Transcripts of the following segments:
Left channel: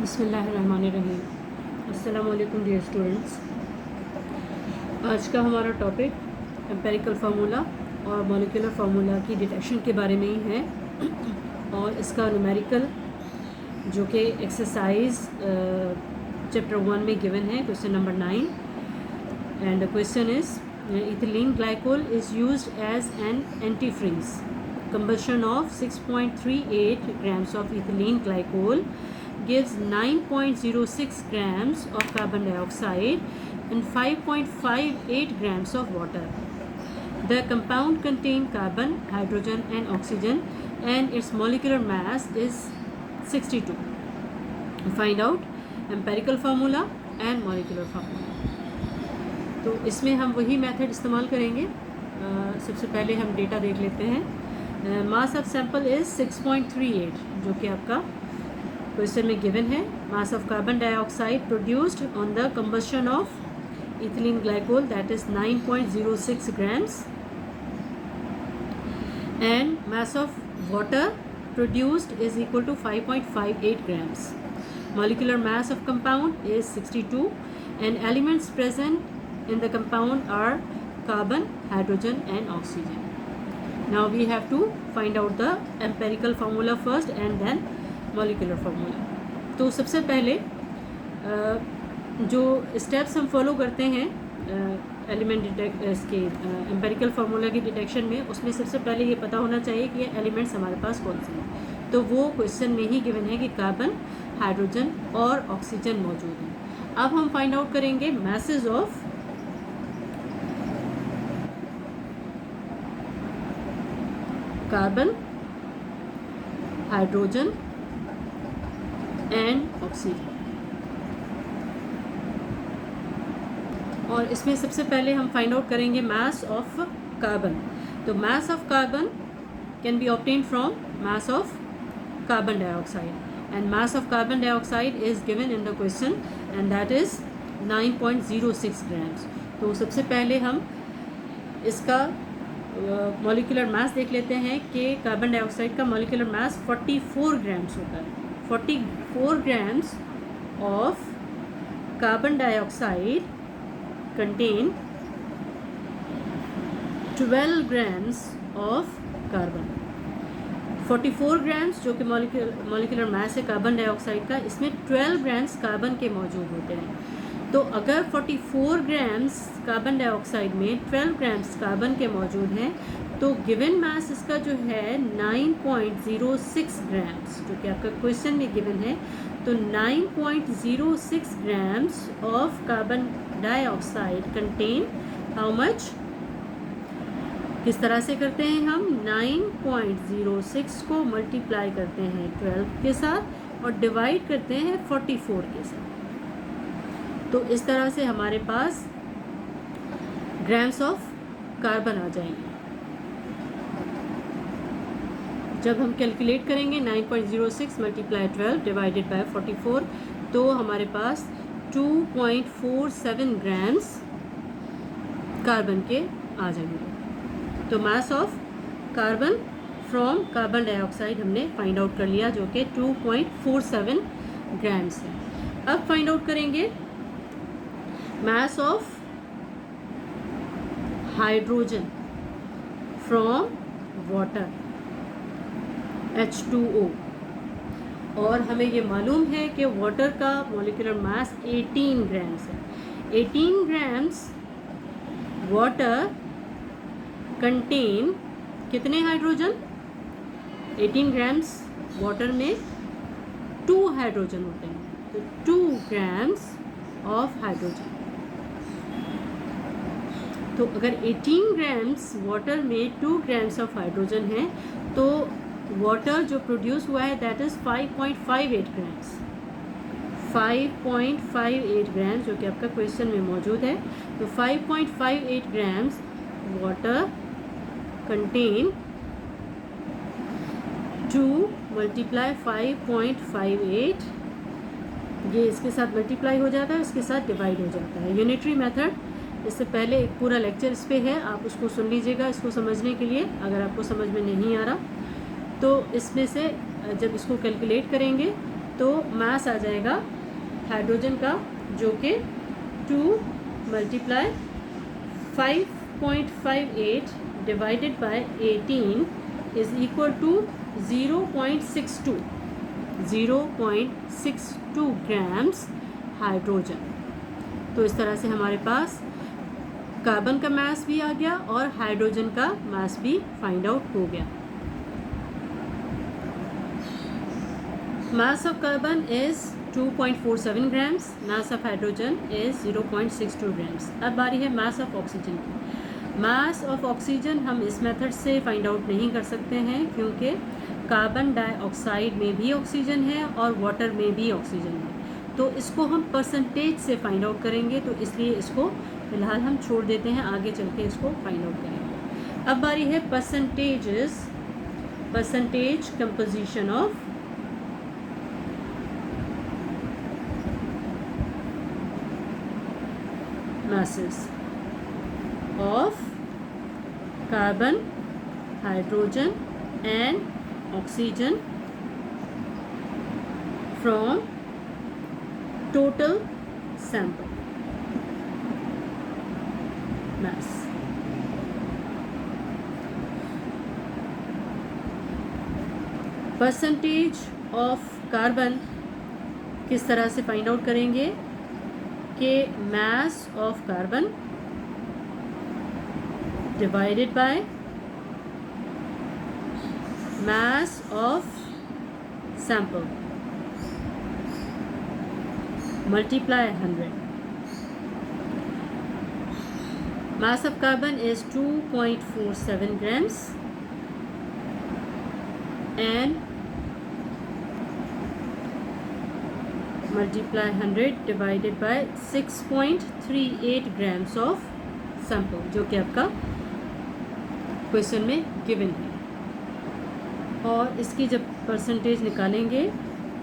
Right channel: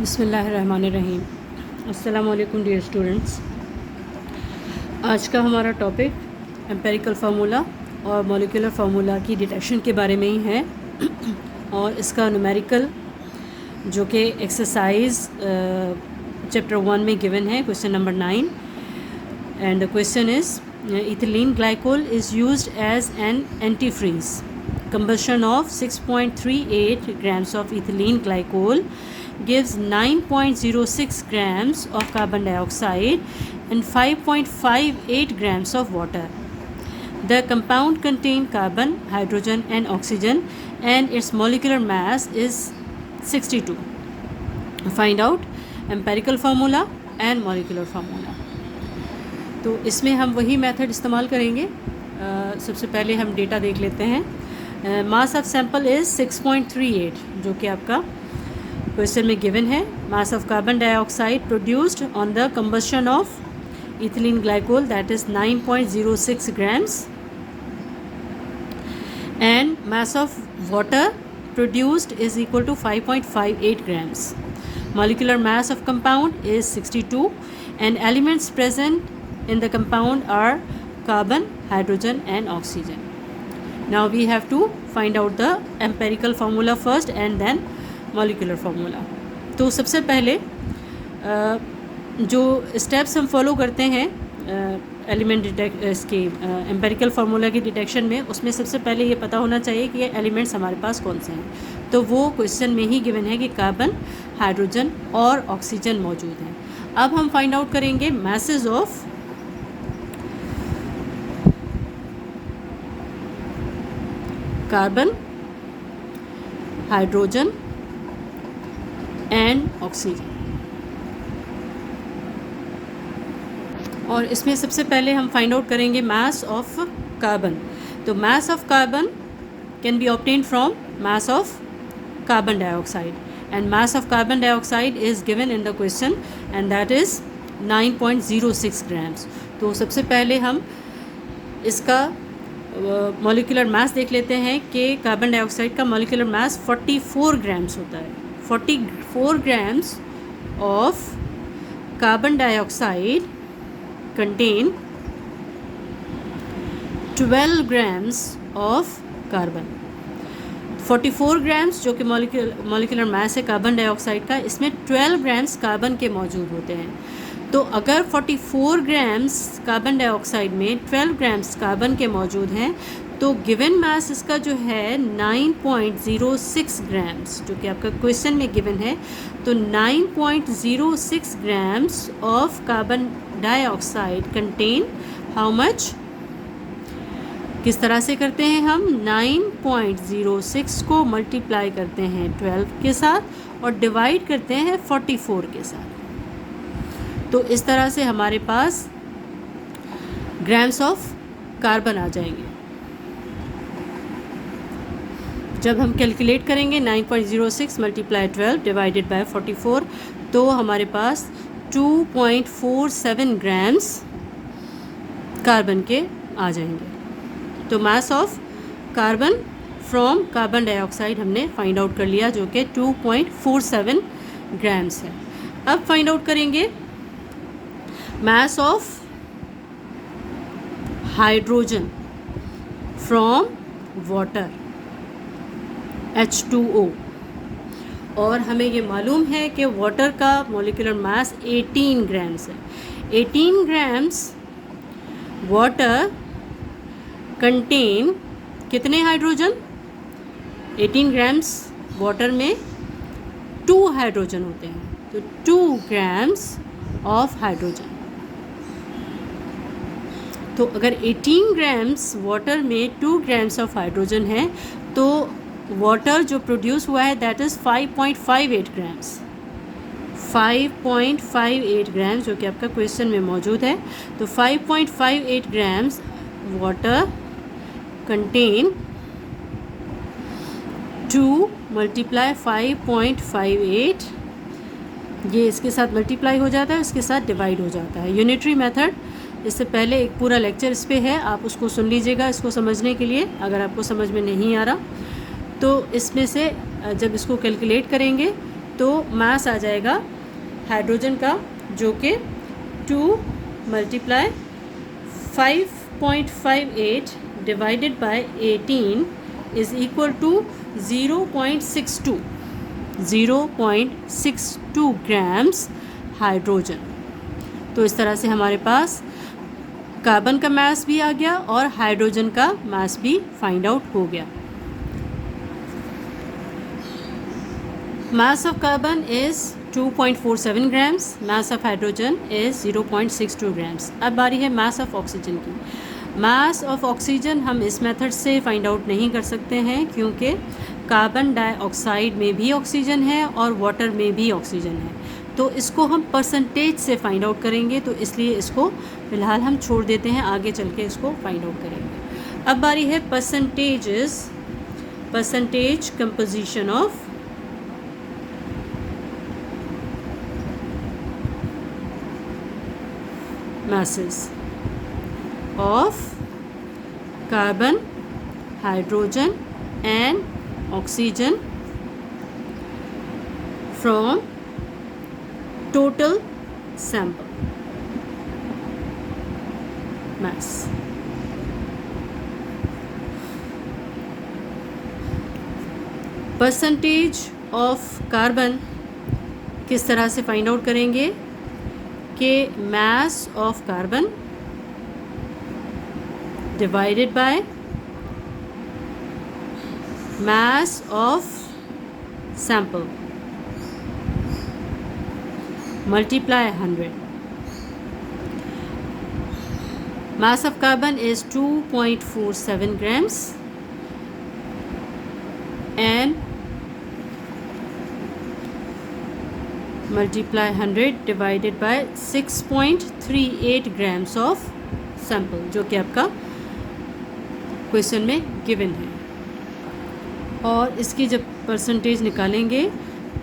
बिस्मिल्लाहिर्रहमानिर्रहीम। अस्सलामुअलैकुम dear students. आज का हमारा टॉपिक एम्पेरिकल फार्मूला और मॉलिक्यूलर फार्मूला की डिटेक्शन के बारे में ही है और इसका न्यूमेरिकल जो कि एक्सरसाइज चैप्टर 1 में गिवन है, question number 9। And the question is ethylene glycol is used as an antifreeze. Combustion of 6.38 grams of ethylene glycol gives 9.06 grams of carbon dioxide and 5.58 grams of water. The compound contains carbon, hydrogen and oxygen and its molecular mass is 62. Find out empirical formula and molecular formula. तो इसमें हम वही method इस्तेमाल करेंगे। सबसे पहले हम data देख लेते हैं। मास ऑफ सैंपल इज़ 6.38 जो कि आपका क्वेश्चन में गिवन है। Mass of carbon dioxide produced on the combustion of ethylene glycol that is 9.06 grams and mass of water produced is equal to 5.58 grams. Molecular mass of compound is 62 and elements present in the compound are carbon, hydrogen and oxygen. Now we have to find out the empirical formula first and then molecular formula. तो सबसे पहले जो steps हम follow करते हैं element इसके empirical formula की detection में, उसमें सबसे पहले ये पता होना चाहिए कि ये एलिमेंट्स हमारे पास कौन से हैं। तो वो क्वेश्चन में ही गिवन है कि कार्बन, हाइड्रोजन और ऑक्सीजन मौजूद हैं। अब हम फाइंड आउट करेंगे message of carbon, hydrogen and oxygen. और इसमें सबसे पहले हम फाइंड आउट करेंगे मास ऑफ कार्बन। तो mass of carbon can be obtained from mass of carbon dioxide and mass of carbon dioxide is given in the question and that is 9.06 grams। तो सबसे पहले हम इसका मॉलिक्यूलर मास देख लेते हैं कि कार्बन डाइऑक्साइड का मॉलिक्यूलर मास 44 grams होता है। 44 grams of carbon dioxide contain 12 grams of carbon. 44 grams जो कि मॉलिक्यूलर मास है कार्बन डाइऑक्साइड का, इसमें 12 grams कार्बन के मौजूद होते हैं। तो अगर 44 grams कार्बन डाइऑक्साइड में 12 grams कार्बन के मौजूद हैं तो गिवन मास इसका जो है 9.06 grams जो कि आपका क्वेश्चन में गिवन है। तो 9.06 grams of carbon dioxide contain how much. किस तरह से करते हैं हम? 9.06 को मल्टीप्लाई करते हैं 12 के साथ और डिवाइड करते हैं 44 के साथ। तो इस तरह से हमारे पास ग्राम्स ऑफ कार्बन आ जाएंगे। जब हम कैलकुलेट करेंगे 9.06 मल्टीप्लाई 12 डिवाइडेड बाय 44 तो हमारे पास 2.47 grams कार्बन के आ जाएंगे। तो mass of carbon from carbon dioxide हमने फाइंड आउट कर लिया जो कि 2.47 grams है। अब फाइंड आउट करेंगे mass of hydrogen from water H2O। और हमें ये मालूम है कि वाटर का मॉलिक्यूलर मास 18 grams है। 18 grams वाटर कंटेन कितने हाइड्रोजन? 18 grams वाटर में 2 हाइड्रोजन होते हैं। तो 2 grams ऑफ हाइड्रोजन। तो अगर 18 grams वाटर में 2 grams ऑफ हाइड्रोजन है तो वाटर जो प्रोड्यूस हुआ है दैट इज़ 5.58 grams। 5.58 grams जो कि आपका क्वेश्चन में मौजूद है। तो 5.58 grams वाटर कंटेन 2 मल्टीप्लाई 5.58, ये इसके साथ मल्टीप्लाई हो जाता है, इसके साथ डिवाइड हो जाता है। यूनिटरी मेथड, इससे पहले एक पूरा लेक्चर इस पे है, आप उसको सुन लीजिएगा इसको समझने के लिए। अगर आपको समझ में नहीं आ रहा तो इसमें से जब इसको कैलकुलेट करेंगे तो मास आ जाएगा हाइड्रोजन का जो कि 2 × 5.58 divided by 18 is equal to 0.62 grams hydrogen. तो इस तरह से हमारे पास कार्बन का मास भी आ गया और हाइड्रोजन का मास भी फाइंड आउट हो गया। मास of carbon is 2.47 grams, mass of hydrogen is 0.62 grams. अब बारी है मास ऑफ ऑक्सीजन की। मास ऑफ ऑक्सीजन हम इस मेथड से फाइंड आउट नहीं कर सकते हैं क्योंकि कार्बन डाइऑक्साइड में भी ऑक्सीजन है और वाटर में भी ऑक्सीजन है, तो इसको हम परसेंटेज से फाइंड आउट करेंगे, तो इसलिए इसको फ़िलहाल हम छोड़ देते हैं, आगे चल के इसको फाइंड आउट करेंगे। अब बारी है percentage composition of masses of carbon, hydrogen and oxygen from total sample mass. Percentage of carbon किस तरह से फाइंड आउट करेंगे कि mass of carbon divided by mass of sample multiply 100. Mass of carbon is 2.47 grams and multiply 100 divided by 6.38 grams of sample, जो कि आपका question में given है। और इसकी जब परसेंटेज निकालेंगे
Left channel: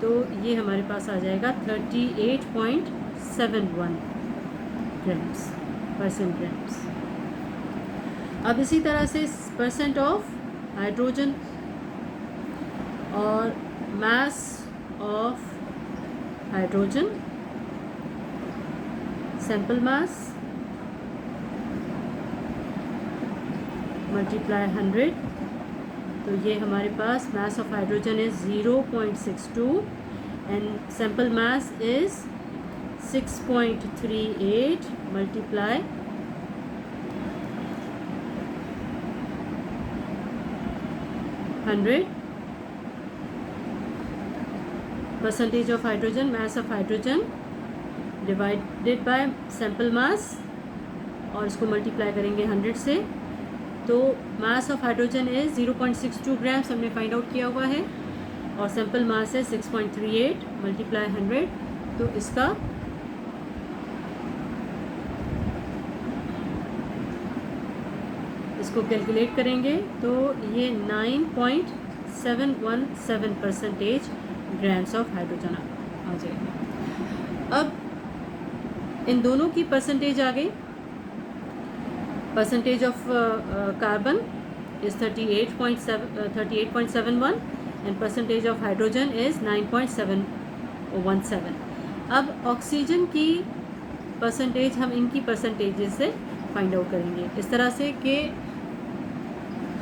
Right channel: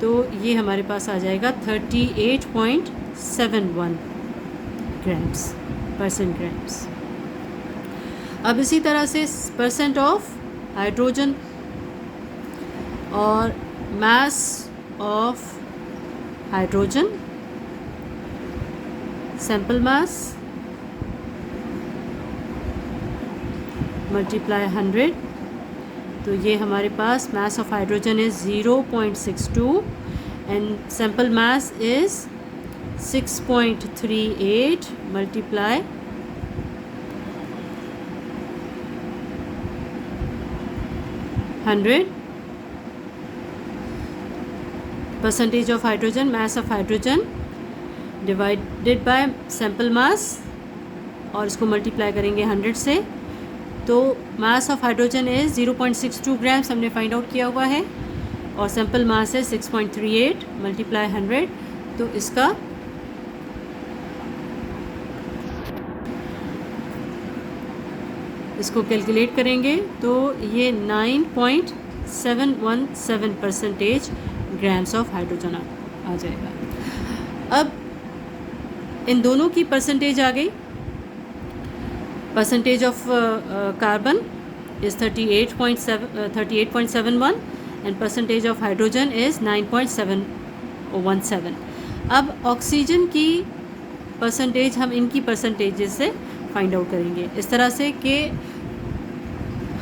तो ये हमारे पास आ जाएगा 38.71 ग्राम्स। अब इसी तरह से परसेंट ऑफ हाइड्रोजन और mass of hydrogen sample mass multiply 100, तो ये हमारे पास mass of hydrogen is 0.62 and sample mass is 6.38 multiply 100. Percentage of hydrogen, mass of hydrogen divided by sample mass और इसको मल्टीप्लाई करेंगे 100 से, तो mass of hydrogen is 0.62 grams हमने फाइंड आउट किया हुआ है और सैंपल मास है 6.38 मल्टीप्लाई 100, तो इसका इसको कैलकुलेट करेंगे तो ये 9.717% ग्राम्स ऑफ हाइड्रोजन आ जाएगा। अब इन दोनों की परसेंटेज आ गई। Percentage of carbon is 38.71 and percentage of hydrogen is 9.717। अब ऑक्सीजन की परसेंटेज हम इनकी परसेंटेजेस से फाइंड आउट करेंगे इस तरह से कि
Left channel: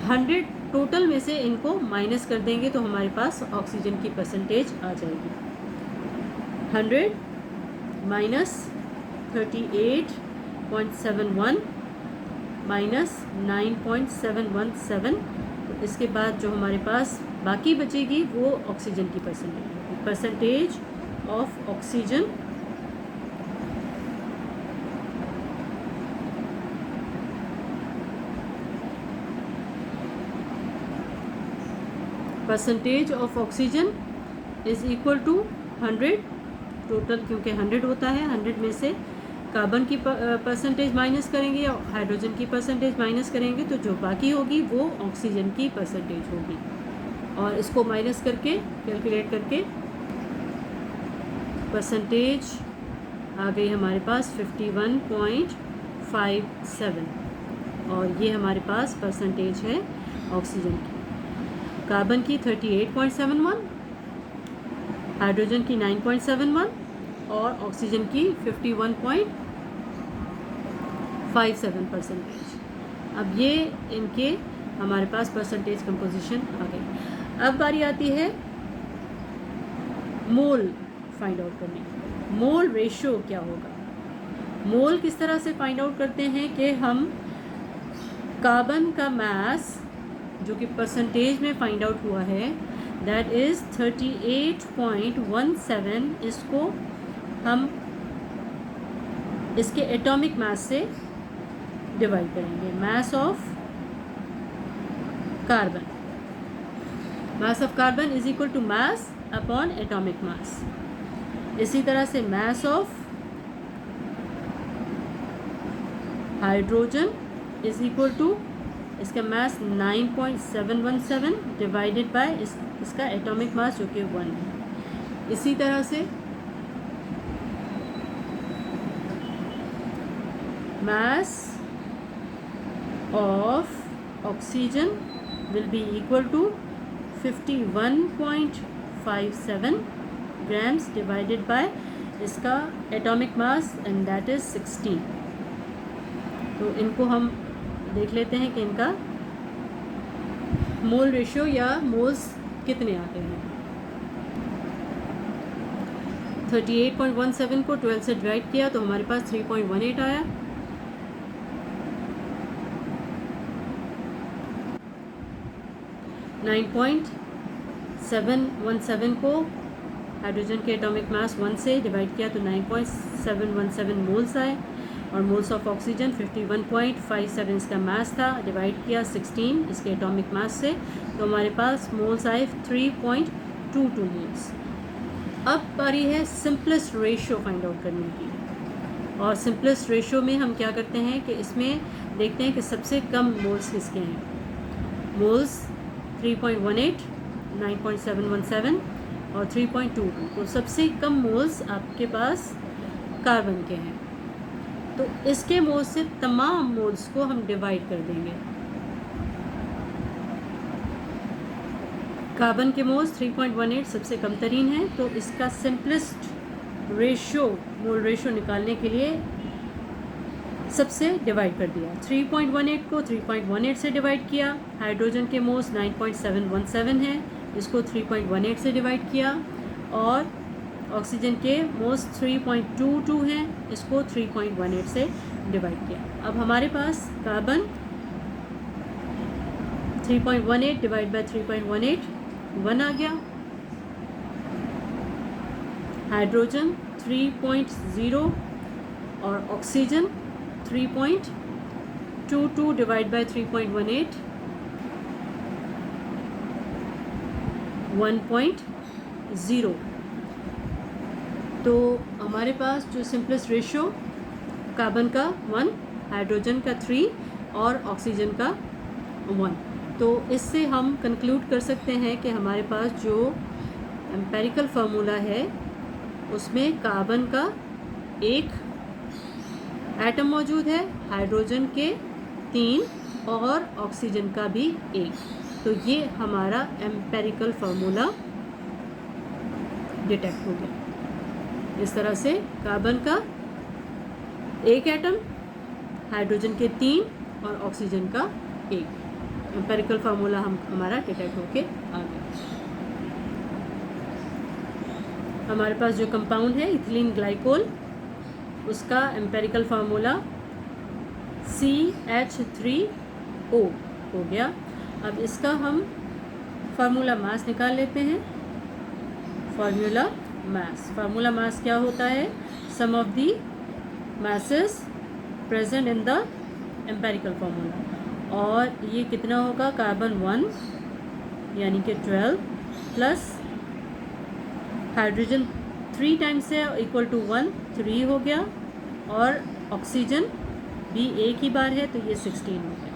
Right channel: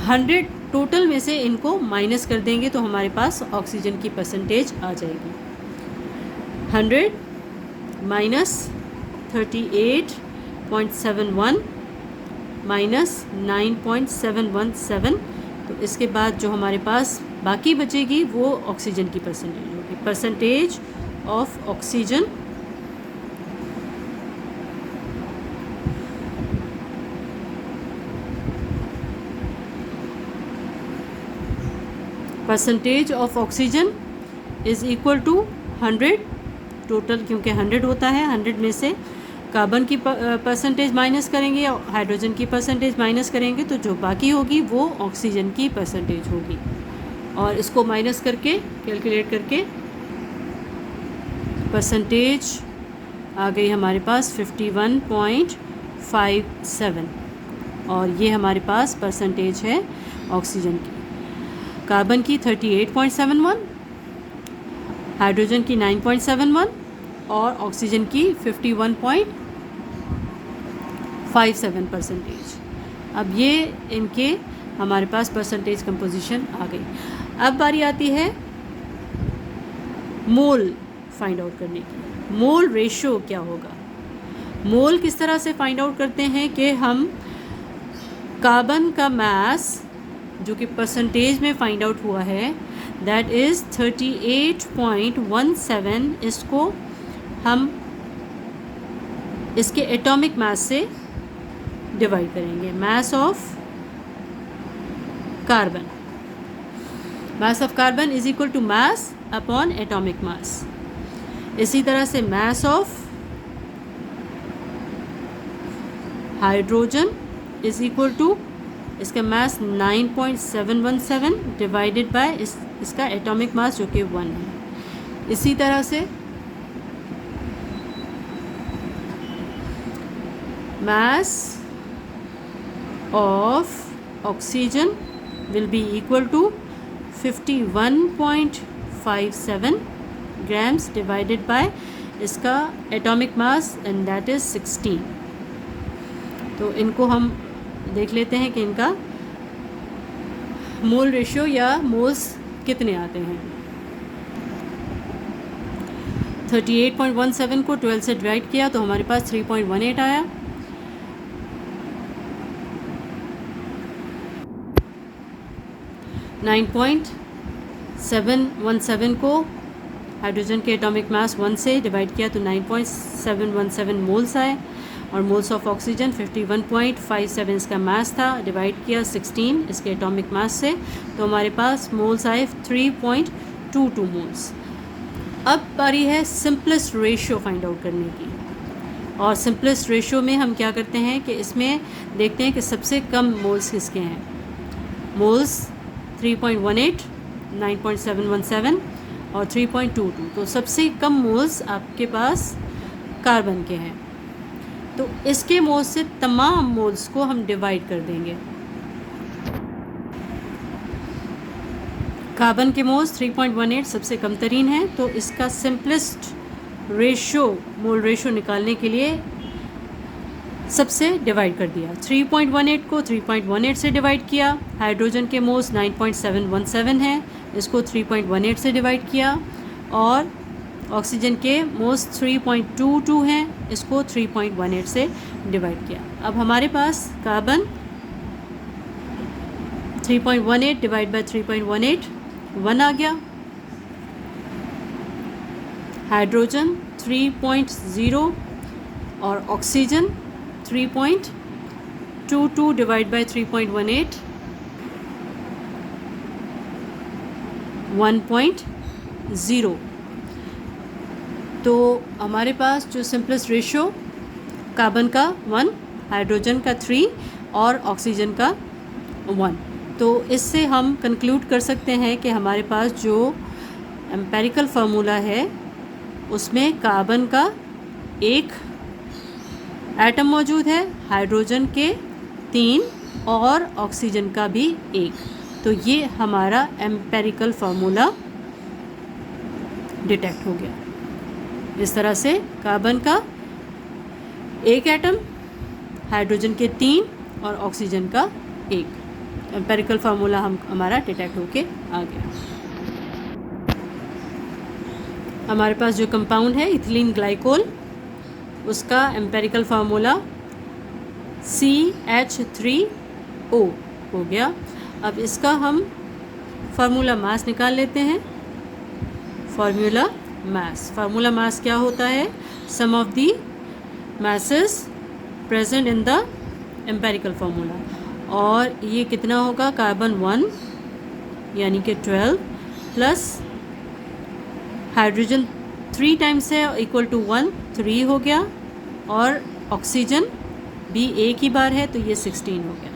100 टोटल में से इनको माइनस कर देंगे तो हमारे पास ऑक्सीजन की परसेंटेज आ जाएगी 100 माइनस 38.71 माइनस 9.717, तो इसके बाद जो हमारे पास बाकी बचेगी वो ऑक्सीजन की परसेंटेज होगी। Percentage of oxygen percentage of oxygen is equal to 100 total, क्योंकि 100 होता है, 100 में से कार्बन की परसेंटेज माइनस करेंगे और हाइड्रोजन की परसेंटेज माइनस करेंगे तो जो बाकी होगी वो ऑक्सीजन की परसेंटेज होगी। और इसको माइनस करके कैलकुलेट करके परसेंटेज आ गई हमारे पास 51.57 और ये हमारे पास परसेंटेज है ऑक्सीजन की। कार्बन की 38.71 हाइड्रोजन की 9.71 और ऑक्सीजन की 51.57%। अब ये इनके हमारे पास परसेंटेज कंपोजिशन आ गई। अब बारी आती है मोल फाइंड आउट करने की। मोल रेशियो क्या होगा? मोल किस तरह से फाइंड आउट करते हैं कि हम कार्बन का मास जो कि परसेंटेज में फाइंड आउट हुआ है, दैट इज़ 38.17, इसको हम इसके एटॉमिक मास से डिवाइड करेंगे। Mass of carbon, mass of carbon is equal to mass upon atomic mass. इसी तरह से mass of hydrogen is equal to इसका मास 9.717 डिवाइडेड बाय इसका एटॉमिक मास जो कि 1 है। इसी तरह से mass of oxygen will be equal to 51.57 grams divided by इसका atomic mass and that is 16। तो इनको हम देख लेते हैं कि इनका मोल रेशियो या मोल्स कितने आते हैं। 38.17 को 12 से डिवाइड किया तो हमारे पास 3.18 आया। नाइन 9.717 को हाइड्रोजन के एटॉमिक मास 1 से डिवाइड किया तो 9.717 मोल्स आए। और मोल्स ऑफ ऑक्सीजन 51.57 इसका मास था, डिवाइड किया 16 इसके एटॉमिक मास से, तो हमारे पास मोल्स आए 3.22 मोल्स। अब बारी है सिंपलेस्ट रेशियो फाइंड आउट करने की। और सिंपलेस्ट रेशियो में हम क्या करते हैं कि इसमें देखते हैं कि सबसे कम मोल्स किसके हैं। मोल्स 3.18, 9.717 और 3.22, तो सबसे कम मोल्स आपके पास कार्बन के हैं। तो इसके मोल्स से तमाम मोल्स को हम डिवाइड कर देंगे। कार्बन के मोल्स 3.18 सबसे कम तरीन है, तो इसका सिंपलेस्ट रेशियो मोल रेशियो निकालने के लिए सबसे डिवाइड कर दिया। 3.18 को 3.18 से डिवाइड किया। हाइड्रोजन के मोल्स 9.717 हैं, इसको 3.18 से डिवाइड किया। और ऑक्सीजन के मोल्स 3.22 हैं, इसको 3.18 से डिवाइड किया। अब हमारे पास कार्बन 3.18 डिवाइड बाय 3.18 1 आ गया। हाइड्रोजन 3.0 और ऑक्सीजन 3.22 डिवाइड बाय 3.18 1.0। तो हमारे पास जो सिंपलेस्ट रेशियो कार्बन का 1, हाइड्रोजन का 3 और ऑक्सीजन का 1। तो इससे हम कंक्लूड कर सकते हैं कि हमारे पास जो एम्पेरिकल फार्मूला है उसमें कार्बन का 1 एटम मौजूद है, हाइड्रोजन के 3 और ऑक्सीजन का भी 1। तो ये हमारा एम्पेरिकल फार्मूला डिटेक्ट हो गया। इस तरह से कार्बन का 1 एटम, हाइड्रोजन के 3 और ऑक्सीजन का 1 एम्पेरिकल फार्मूला हमारा डिटेक्ट होके आ गया। हमारे पास जो कंपाउंड है इथिलीन ग्लाइकोल, उसका एम्पेरिकल फार्मूला CH3O हो गया। अब इसका हम फार्मूला मास निकाल लेते हैं। फार्मूला मास क्या होता है? Sum of the masses present in the empirical formula. और ये कितना होगा? कार्बन 1 यानी कि 12 प्लस हाइड्रोजन 3 टाइम्स है इक्वल टू 1, 3 हो गया। और ऑक्सीजन भी एक ही बार है तो ये 16 हो गया।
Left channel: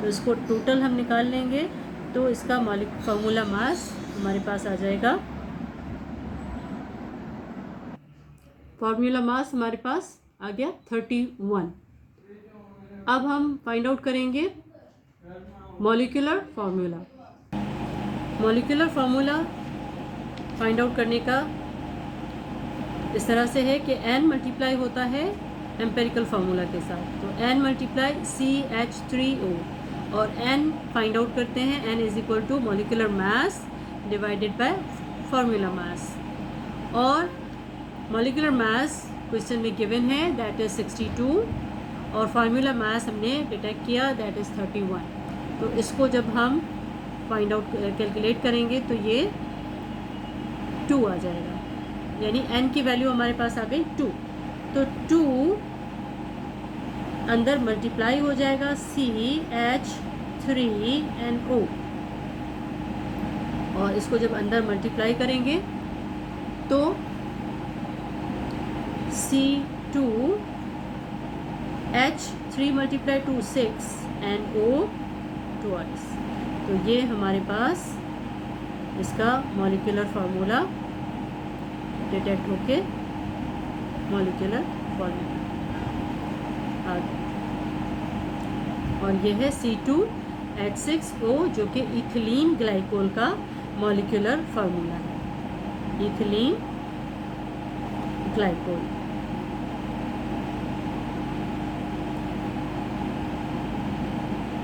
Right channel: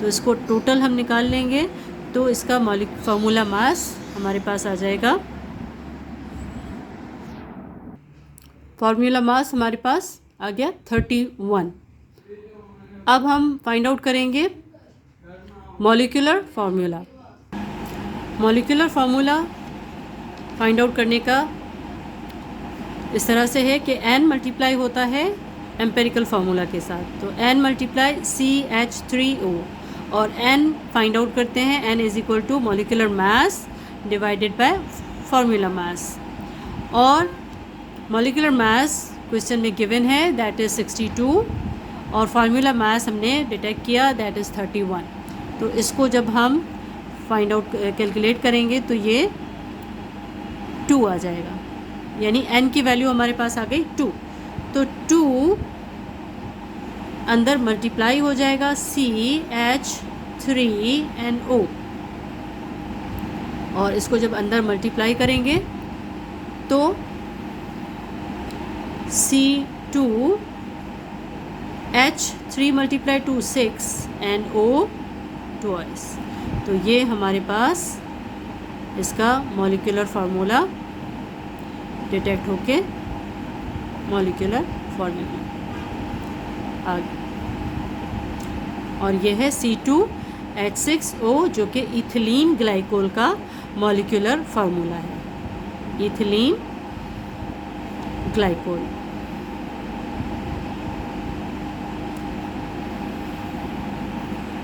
तो इसको टोटल हम निकाल लेंगे तो इसका फार्मूला मास हमारे पास आ जाएगा। फार्मूला मास हमारे पास आ गया 31। अब हम फाइंड आउट करेंगे molecular formula. Molecular formula find out करने का इस तरह से है कि n मल्टीप्लाई होता है एम्पेरिकल फार्मूला के साथ, तो n मल्टीप्लाई CH3O और n फाइंड आउट करते हैं, n is equal to molecular mass divided by formula mass, और मॉलिक्यूलर मास क्वेश्चन में गिवन है दैट इज़ 62 और फार्मूला मास हमने डिटेक्ट किया दैट इज़ 31। तो इसको जब हम फाइंड आउट कैलकुलेट करेंगे तो ये 2 आ जाएगा, यानी n की वैल्यू हमारे पास आ गई 2। तो 2 अंदर मल्टीप्लाई हो जाएगा CH3NO, और इसको जब अंदर मल्टीप्लाई करेंगे तो C2H3 multiply two 6 NO twice. तो ये हमारे पास इसका मॉलिक्यूलर फार्मूला डिटेक्ट होके मॉलिक्यूलर फार्मूला आ गया, और ये है C2H6O जो कि इथिलीन ग्लाइकोल का मॉलिक्यूलर फार्मूला है, इथिलीन ग्लाइकोल।